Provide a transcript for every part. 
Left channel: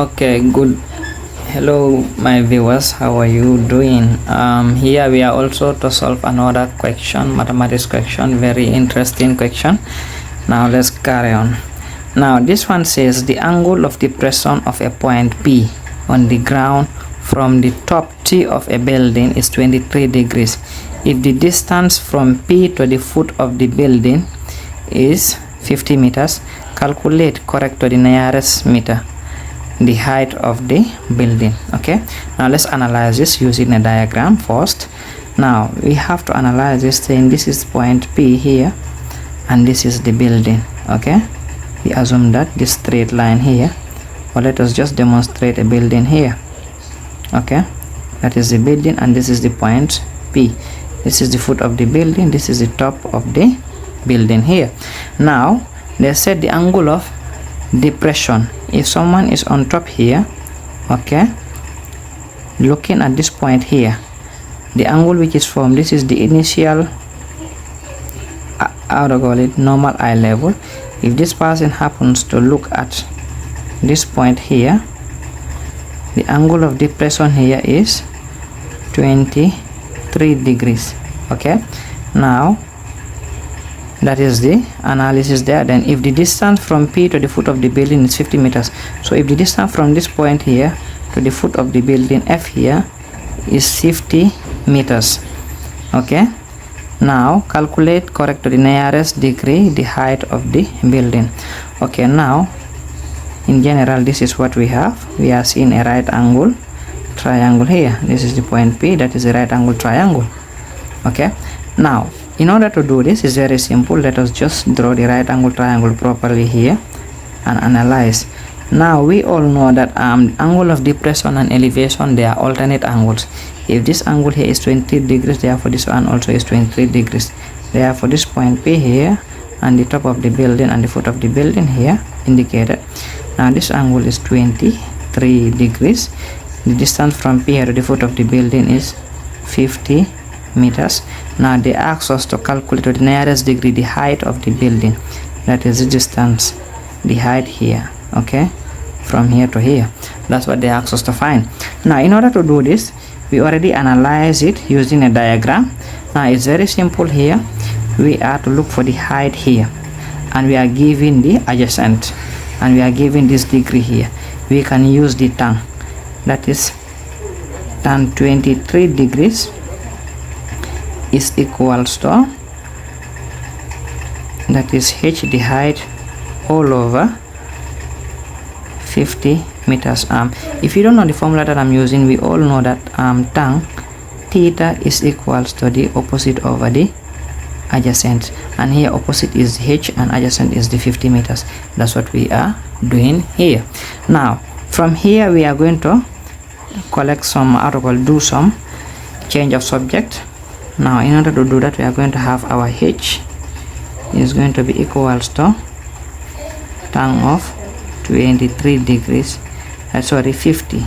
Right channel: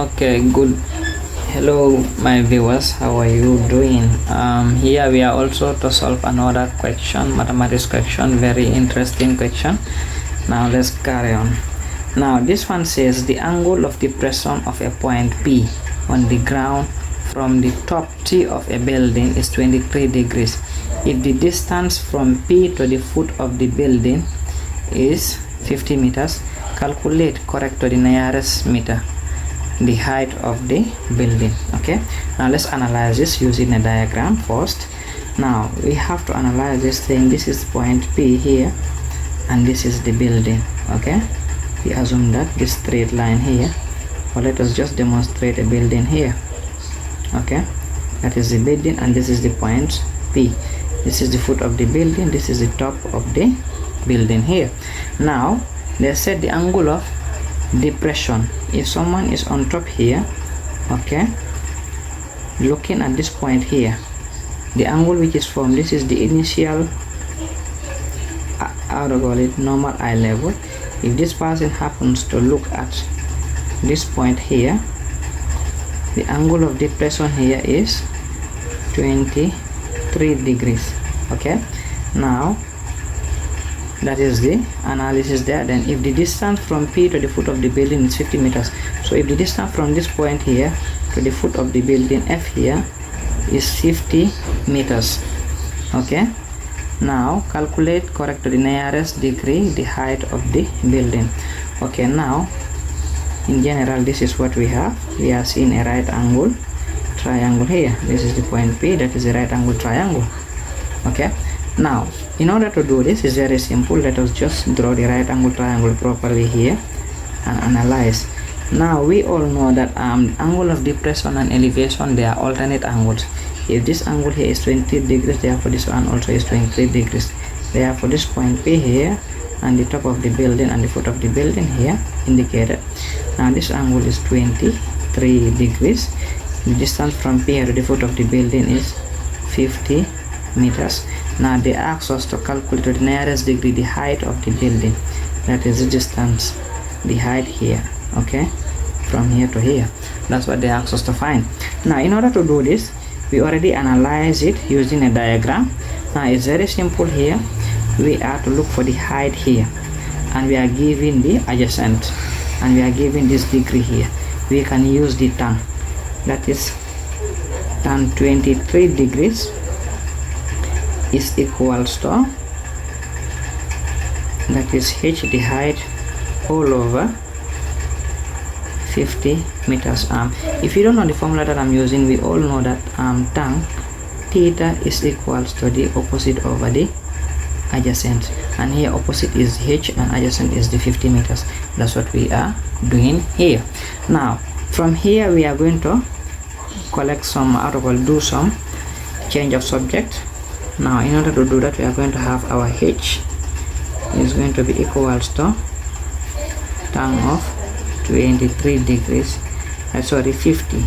Okay, good. Hello my viewers, how are you doing? Here we are also to solve another question, mathematics question, very interesting question. Now let's carry on. Now this one says the angle of depression of a point P on the ground from the top T of a building is 23 degrees. If the distance from P to the foot of the building is 50 meters, calculate correct to the nearest meter the height of the building. Okay, now let's analyze this using a diagram first. Now we have to analyze this thing. This is point P here and this is the building. Okay, we assume that this straight line here, or let us just demonstrate a building here. Okay, that is the building and this is the point P. This is the foot of the building, this is the top of the building here. Now they said the angle of depression, if someone is on top here, okay, looking at this point here, the angle which is formed, this is the initial how to call it, normal eye level. If this person happens to look at this point here, the angle of depression here is 23 degrees. Okay, now that is the analysis there. Then if the distance from P to the foot of the building is 50 meters, so if the distance from this point here to the foot of the building F here is 50 meters. Okay, now calculate correct to the nearest degree the height of the building. Okay, now in general this is what we have. We are seeing a right angle triangle here. This is the point P, that is a right angle triangle. Okay, now in order to do this is very simple. Let us just draw the right angle triangle properly here and analyze. Now we all know that angle of depression and elevation, they are alternate angles. If this angle here is 20 degrees, therefore this one also is 23 degrees. Therefore this point P here and the top of the building and the foot of the building here indicated. Now this angle is 23 degrees. The distance from P here to the foot of the building is 50 meters. Now they ask us to calculate to the nearest degree the height of the building, that is the distance, the height here, okay, from here to here. That's what they ask us to find. Now in order to do this, we already analyze it using a diagram. Now it's very simple here. We are to look for the height here and we are given the adjacent and we are given this degree here. We can use the tan, that is tan 23 degrees is equals to, that is h, the height all over 50 meters. If you don't know the formula that I'm using, we all know that tan theta is equals to the opposite over the adjacent, and here opposite is h and adjacent is the 50 meters. That's what we are doing here. Now from here we are going to collect some article, do some change of subject. Now in order to do that, we are going to have our h is going to be equals to tan of 23 degrees, sorry 50.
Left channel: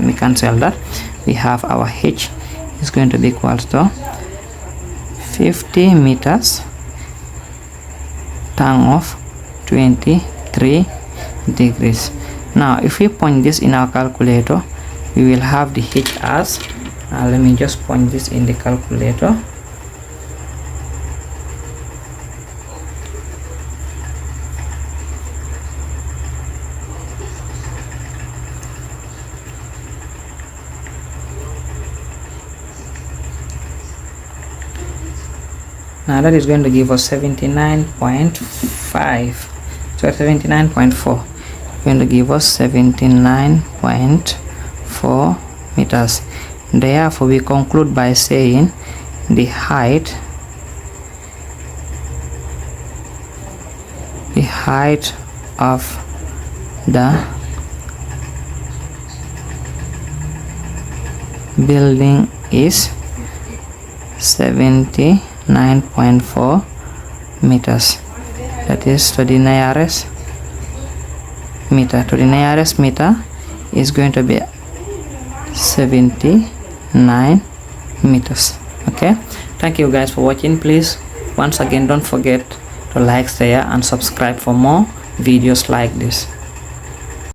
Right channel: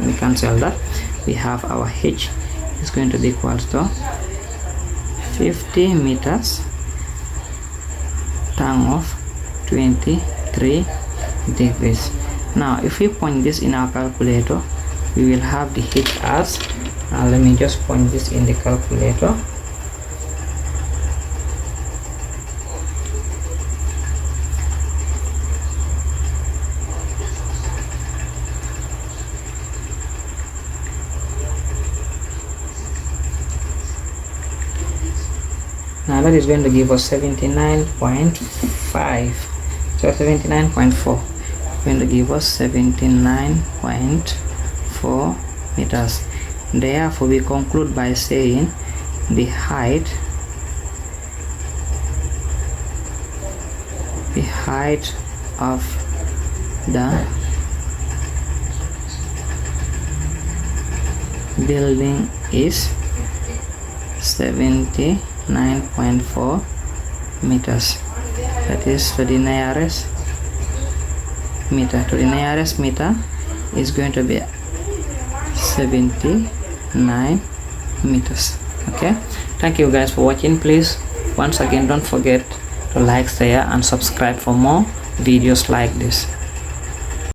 We cancel that. We have our h is going to be equals to 50 meters tan of 23 degrees. Now if we point this in our calculator, we will have the h as, let me just point this in the calculator. Now that is going to give us 79.5, so 79.4, going to give us 79.4 meters. Therefore we conclude by saying the height of the building is 79.4 meters. That is to the nearest meter. To the nearest meter is going to be 79 meters. Okay, thank you guys for watching. Please once again don't forget to like, share and subscribe for more videos like this.